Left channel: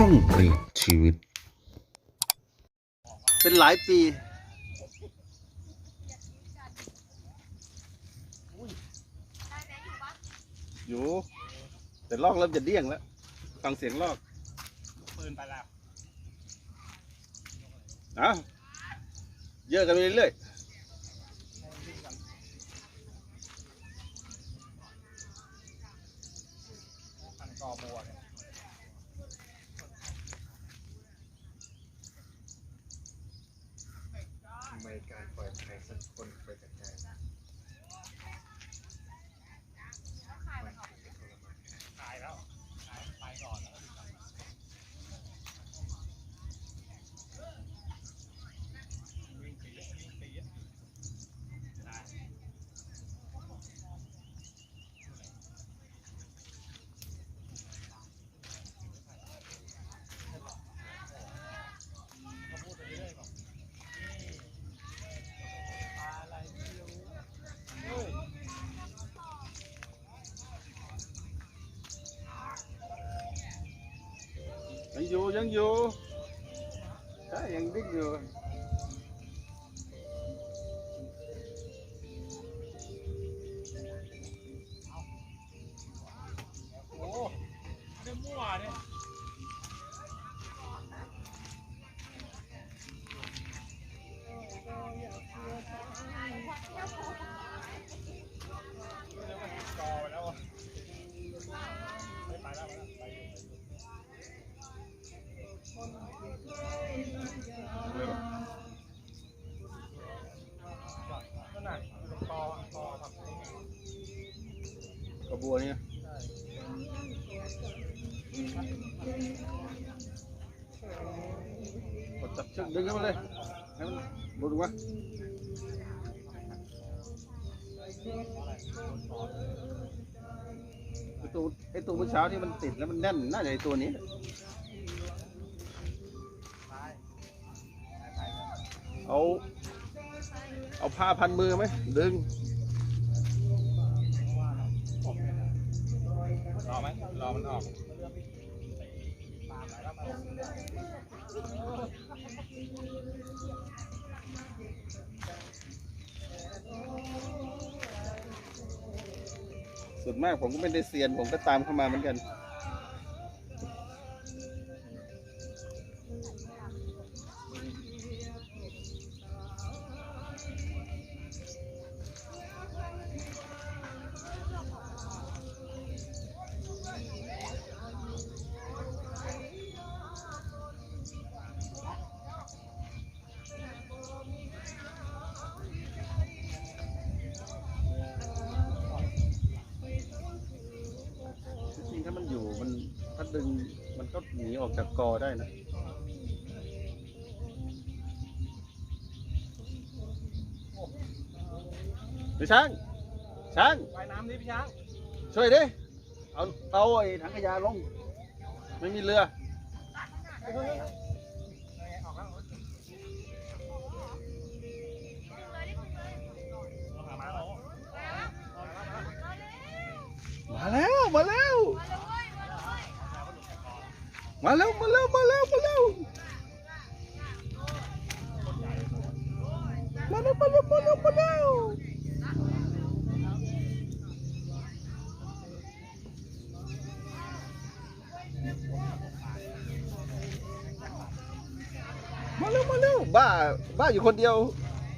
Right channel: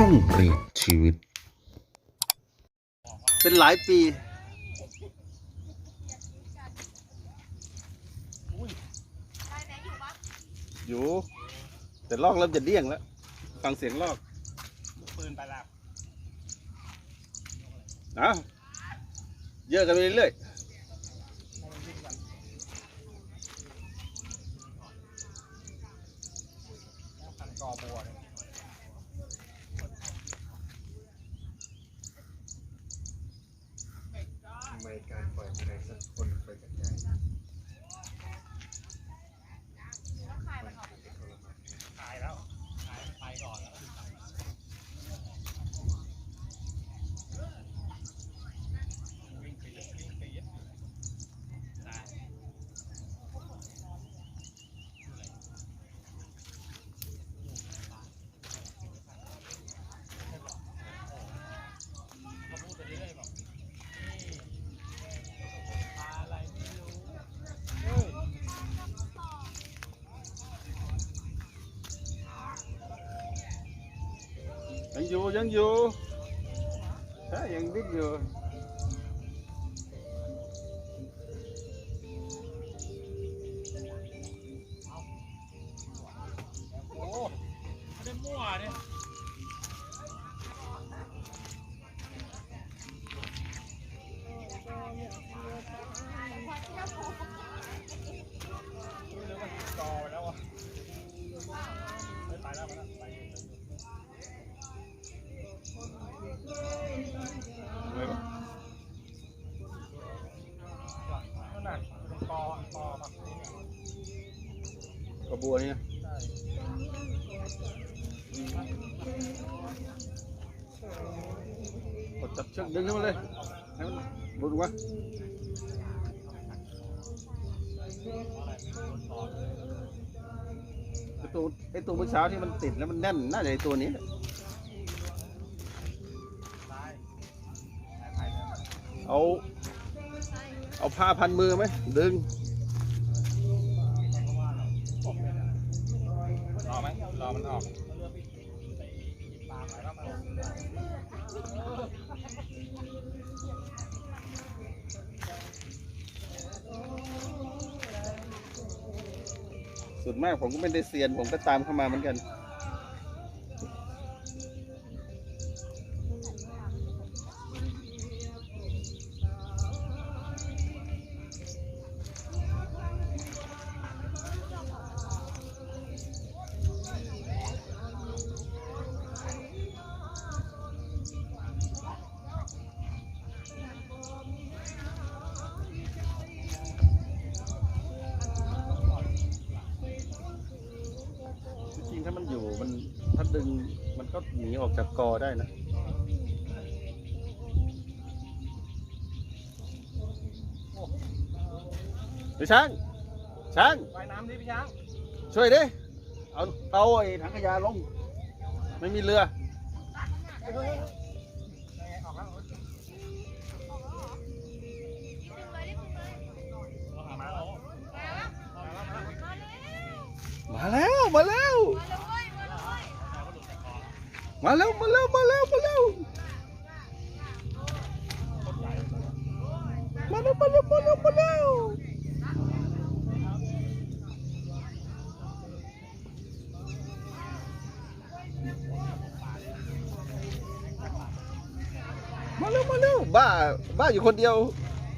ช่องเปลี่ยนชีวิต เป็นหลายปีอยู่แต่ลอกเริ่มจะเดี้ยงแล้ว ฟังเสียงลอกลูกปืนไปแล้วเอ้าเยอะกันไปเรื่อยให้มันวิ่งกันแล้วพันกอบัวเนี่ย ไม่การปล่อยใครสักคนไปกระจาย ตายแล้วตายตายก่อนแล้วก็ตายวิ่งปี๊ดวิ่งปี๊ดตาย ๆยังอยู่ยัง บัวนี่ใช่กดจับเชือกดึงให้มันเลยให้มันหลุดวะไอตัวไอตัวเมื่อเช้าที่มันติดแล้วมันแน่นน่าจะไอตัวนี้เอา เอาผ้าพันมือไหมดึง รอไหมรอมันออกไปแล้วไปแล้ว ส่วนมากผมก็ไม่ได้เซียนผมก็ตามเข้ามาเหมือนกัน หนีออกจากกอได้นะเฮ้ยช้างช้างว่ายน้ำดิพี่ช้าง ช่วยดิ เอา เอาไอ้ถังขยะลง ไม่มีเรือเฮ้ยเฮ้ยเฮ้ยยังไงออกแล้วมาแล้ว มาแล้ว มาแล้วมาแล้วมาแล้วมาแล้วมาแล้วมาแล้วมาแล้วมาแล้วมาแล้วมาแล้วบ้าบ้าอยู่คนเดียว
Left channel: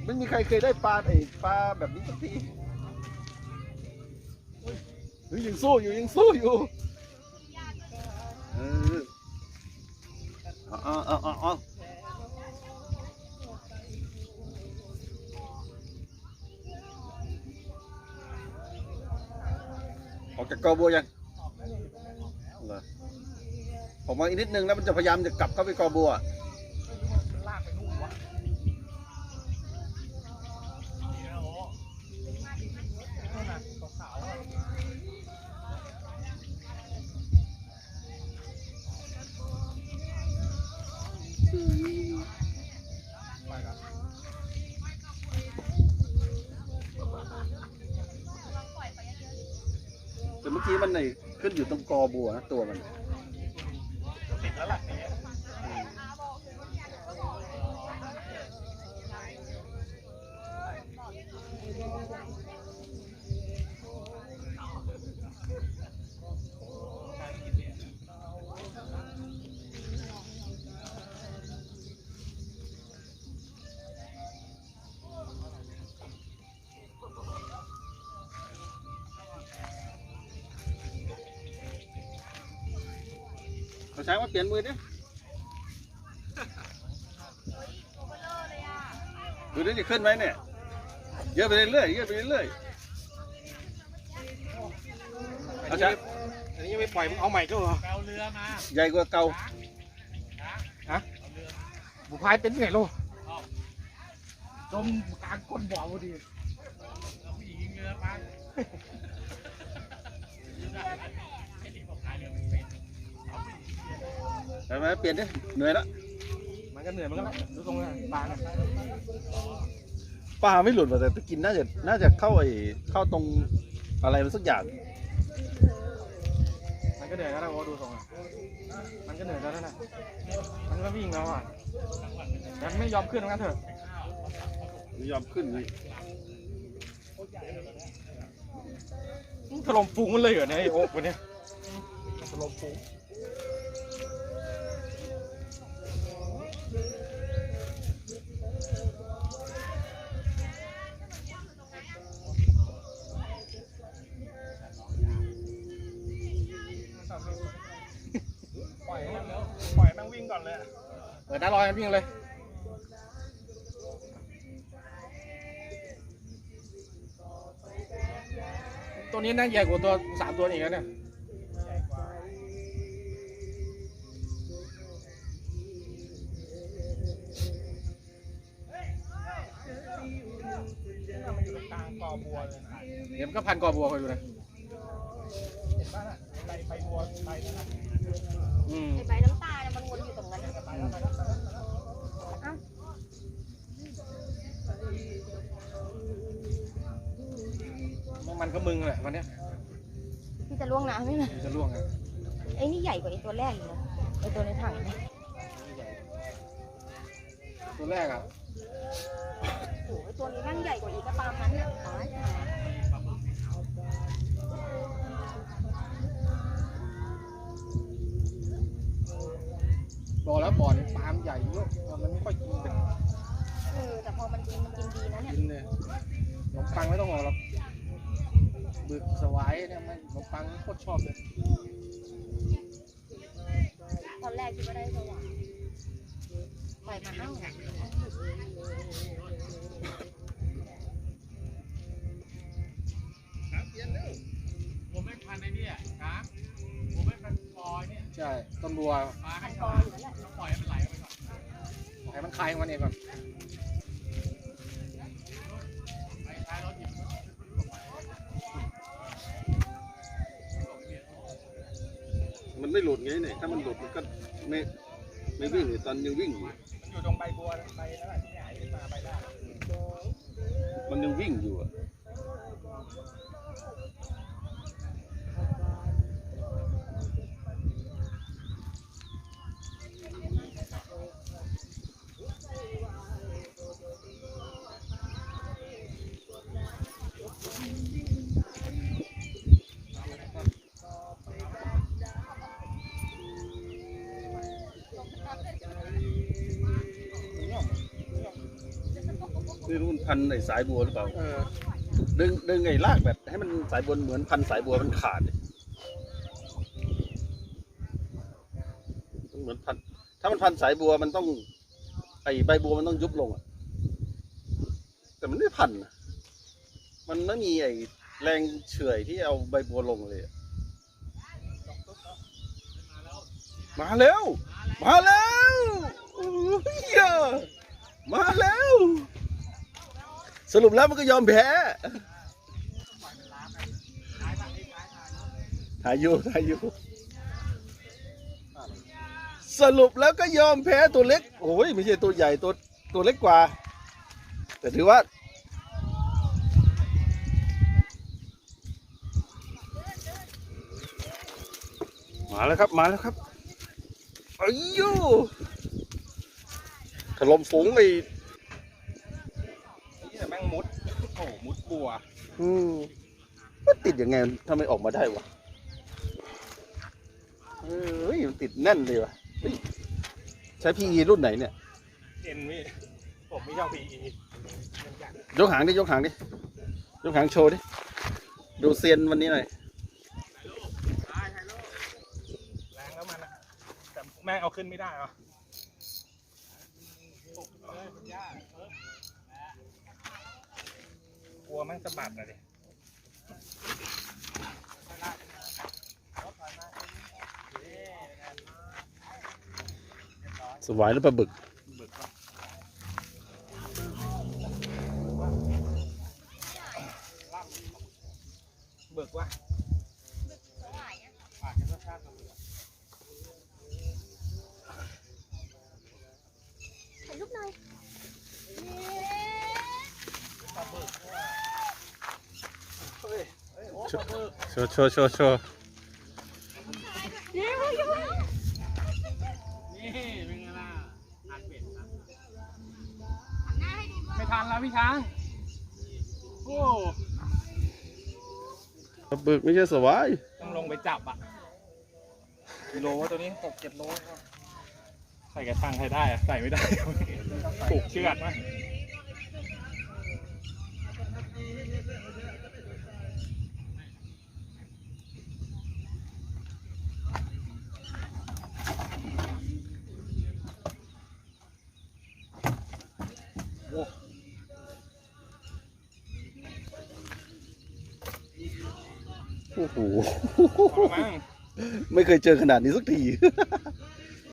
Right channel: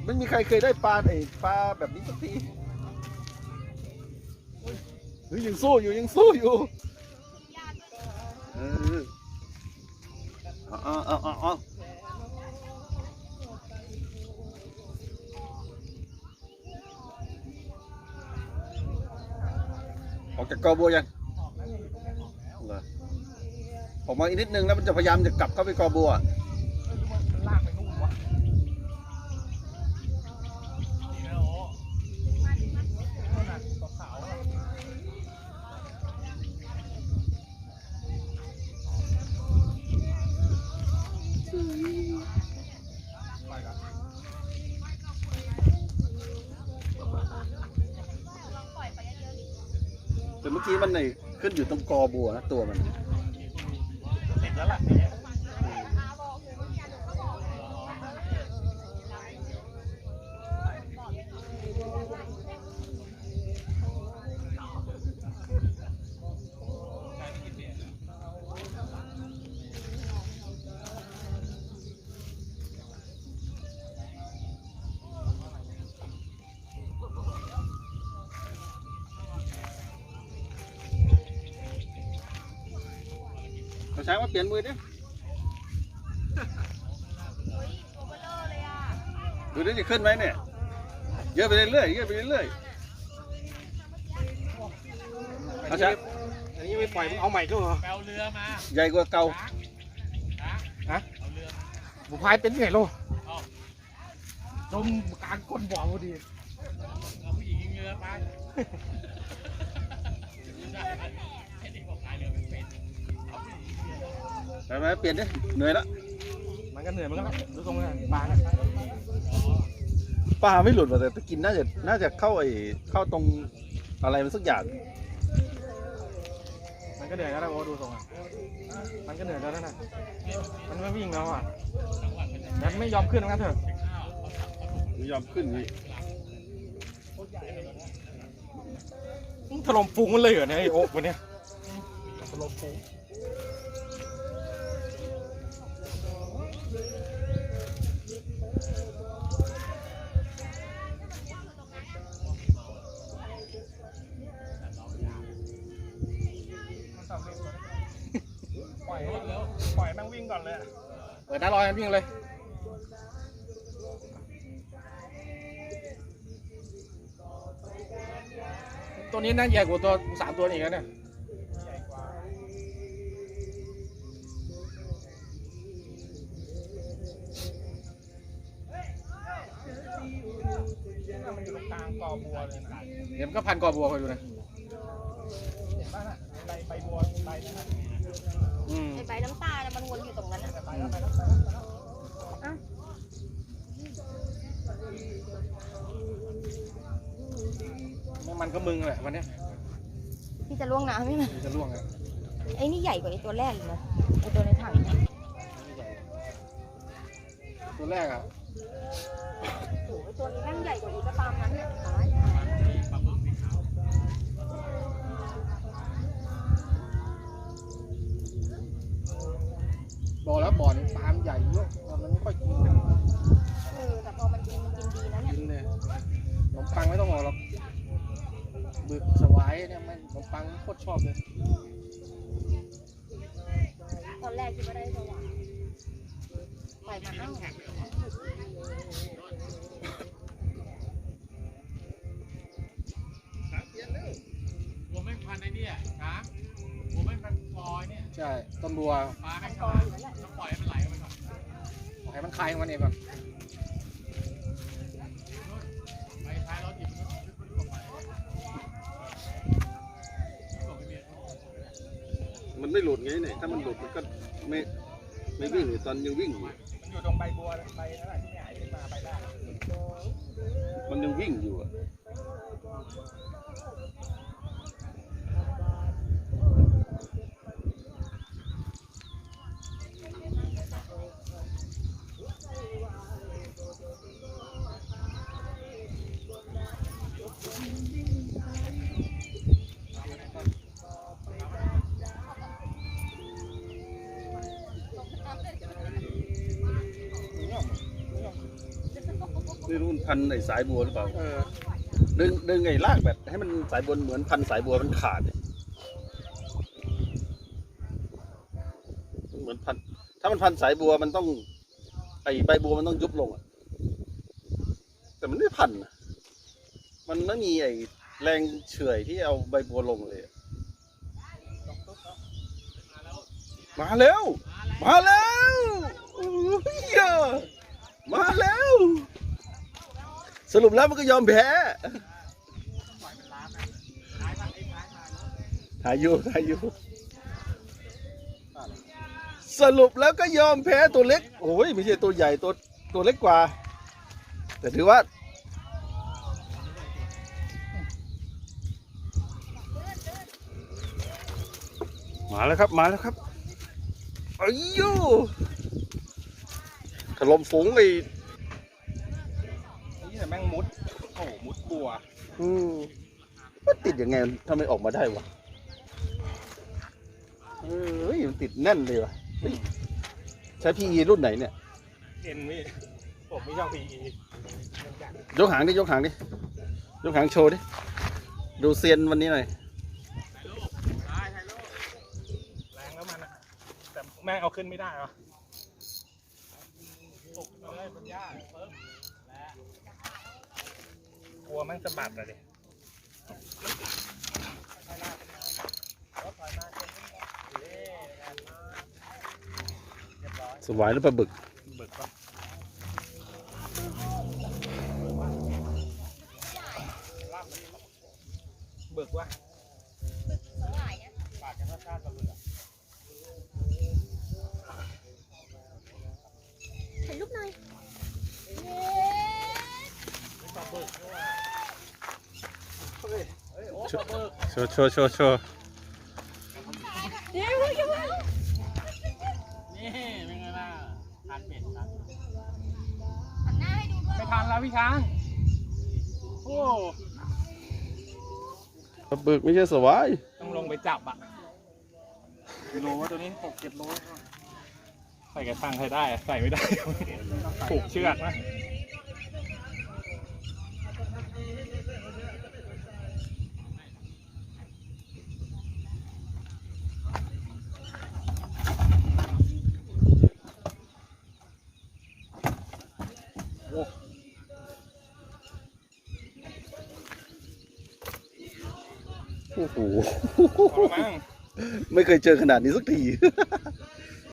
ไม่มีใครเคยได้ปลาไอ้ปลาแบบนี้สักทีเฮ้ยยังสู้อยู่ยังสู้อยู่เออ เอาเอาเอาเอาออกจากกอบัวยังออกแล้วเนี่ยอยู่ตรงนี้ออกแล้วเหรอออกมาอีกนิดนึงแล้วมันจะพยายามจะกลับเข้าไปกอบัว กันแต่เมื่อกี้มันไหนขึ้นอยู่ตรงกอบัวนะตัวมัน ติดแล้วล่ะ อย่างเงี้ยเขาใช้มาเปลี่ยนมือดิดูดิจะขึ้นไหมเนี่ย เยอะไปเรื่อยๆเยอะไปเรื่อยๆเอาใช้อันนี้ยังไม่ปล่อยมึงเอาใหม่ก็เหรอใหญ่กว่าเก่าบุพายเป็นไงโลจมกลางก้นบ่อพอดีไป ไหมเปลี่ยนดิเหนื่อยแล้วมันก็เหนื่อยเหมือนกันนะดูตรงนี้มาแล้วไปแล้วไปแล้วปลาไม่หลุดว่ะแต่ตะกินน่าจะน่าจะเข้าไอ้เข้าตรงอะไรมันสักอย่างมันก็เหนื่อยก็ได้โอ้ดูตรงอะมันก็เหนื่อยแล้วนะมันไม่วิ่งแล้วอะมันไม่ยอมขึ้นงั้นเถอะไม่ยอมขึ้นนี่ถล่มฟูงมันเลยเหรอเนี่ยไอ้โอ๊กวันเนี้ยถล่มฟูง ปล่อยให้มันปล่อยให้มันวิ่งก่อนเลยอะเปิดหน้าลอยมันวิ่งเลย ตัวนี้น่าใหญ่กว่าตัวสามตัวนี้อีกแล้วเนี่ย ใหญ่กว่าน่ะมันอยู่ตรงกลางกอบัวเลยนะ เดี๋ยวมันก็พันกอบัวคอยดูนะ เห็นป่ะน่ะ ใบใบบัวใบนั้นน่ะอืมไอ้ใบน้ำตาเนี่ยมันวนอยู่ตรงนั้นน่ะไปแล้วไปแล้วไปแล้วไปแล้วมันก็มึงแหละวันเนี้ยที่จะล่วงน้ำไม่มามันจะล่วงไงไอ้นี่ใหญ่กว่าไอ้ตัวแรกอีกนะไอ้ตัวในถังเนี่ยตัวแรกอะโอ้โหตัวนี้แม่งใหญ่กว่าอีกก็ตามนั้นเนี่ยตายตาย บอกแล้วบ่อนี่ปลามันใหญ่เยอะมันไม่ค่อยกินเป็นเออแต่พอมันกินมันกินดีนะเนี่ยกินเลยขนมปังไม่ต้องห่อหรอกบึกสวายเนี่ยไม่ขนมปังโคตรชอบเลยตอนแรกคิดว่าได้ตัวหวานปล่อยมาเอ้า ช่ต้นบัวพันกออยู่นั่นแหละปล่อยให้มันคลายของมันเองก่อนมันไม่หลุดไงเนี่ยถ้ามันหลุดมันก็ไม่ไม่วิ่งเลยตอนยังวิ่งอยู่มันอยู่ตรงใบบัวใบนั่นแหละที่หงายขึ้นมาใบแรกมันยังวิ่งอยู่อะ มึงย่อมมึงย่อม ไม่รู้มันพันไอ้สายบัวหรือเปล่า เออดึงดึงไอ้ลากแบบให้มันสายบัวเหมือนพันสายบัวมันขาดเนี่ยมันเหมือนพัน ถ้ามันพันสายบัวมันต้อง ไอ้ใบบัวมันต้องยุบลงอะแต่มันไม่พันนะมันไม่มีไอ้แรงเฉื่อยที่เอาใบบัวลงเลยอะมาแล้ว มาแล้วอุ๊ยอะมาแล้ว สรุปแล้วมันก็ยอมแพ้ถ่ายอยู่ถ่ายอยู่สรุปแล้วก็ยอมแพ้ตัวเล็ก โอ้ยไม่ใช่ตัวใหญ่ตัวตัวเล็กกว่า แต่ถือว่า มาแล้วครับมาแล้วครับอ้ยูถล่มฝูงไอ แต่แม่งมุดโอ้โหมุดบัวอืมมันติดยังไงทำไมออกมาได้วะเอ้ยมันติดแน่นเลยวะเฮ้ยใช้ PE รุ่นไหนเนี่ย เอ็นพี่ผมไม่ชอบพีอียกหางดิ ยกหางดิ ยกหางโชว์ดิ ดูเซียนวันนี้หน่อย แรงแล้วมันอะแต่แม่งเอาขึ้นไม่ได้หรออก ลัวแม่งสะบัดอะดิสวายหรือปลาบึกบึกปะบึกวะสวายอะปากจะรสชาติแบบบึกอะถ่ายรูปหน่อยเย้ เฮ้ย โชว์โชว์โชว์โชว์นี่เป็นไงล่ะทานเป็ดครับหันหน้าให้ดูด้วยไม่ทันแล้วพี่ช้าง โอ้ปลาบึกไม่ใช่สวายต้องลงไปจับอะกิโลตัวนี้หกเจ็ดโล ใส่กระชังใครได้อะใส่ไม่ได้ ผูกเชือกนะ อ้โหลองมั้งไม่เคยเจอขนาดนี้สักที